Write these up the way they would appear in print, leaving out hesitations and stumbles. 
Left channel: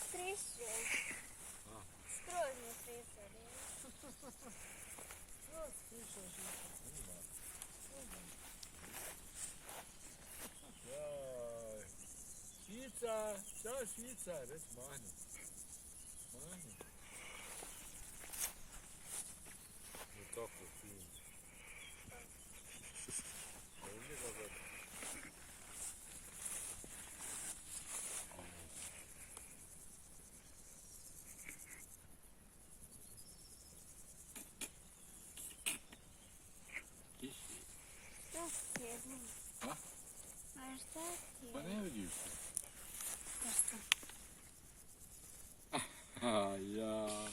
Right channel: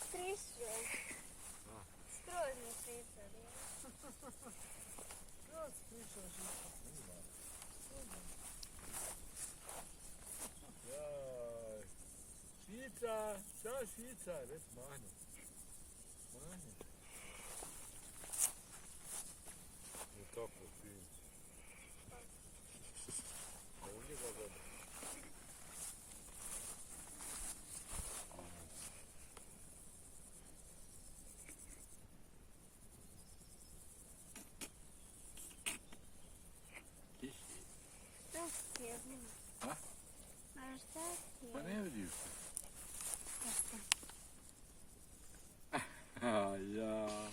трясет. Скроз не трясет. Švica, ciao Švica, res mahne. Mahne. Je tako fin. Ovdje ga gleda. Što sjedno? A? A šta ti Pa je? ne vidiš se. Šta? Ja.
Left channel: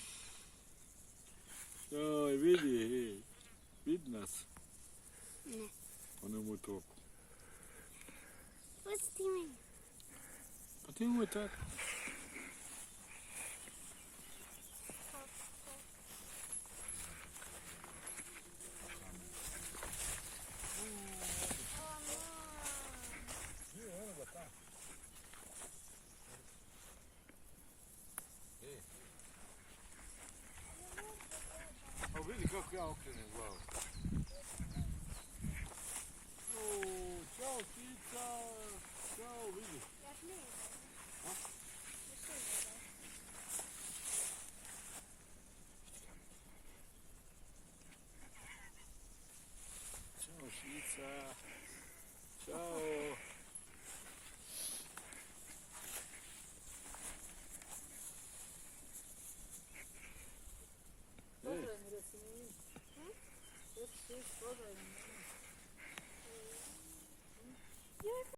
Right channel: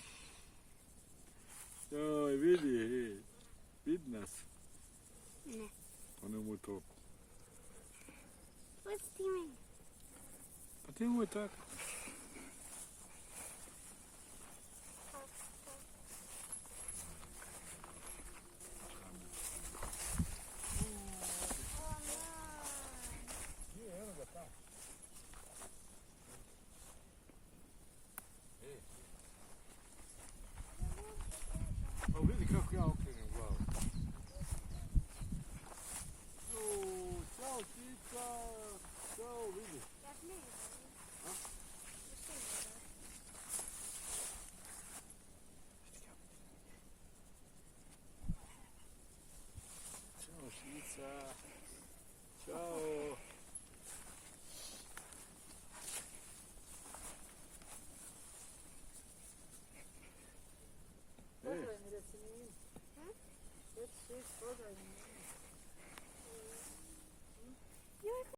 Joj, vidi, hej. Vidi nas. Ne. Pa nemoj to. Pusti me. Pa ti nemoj tako.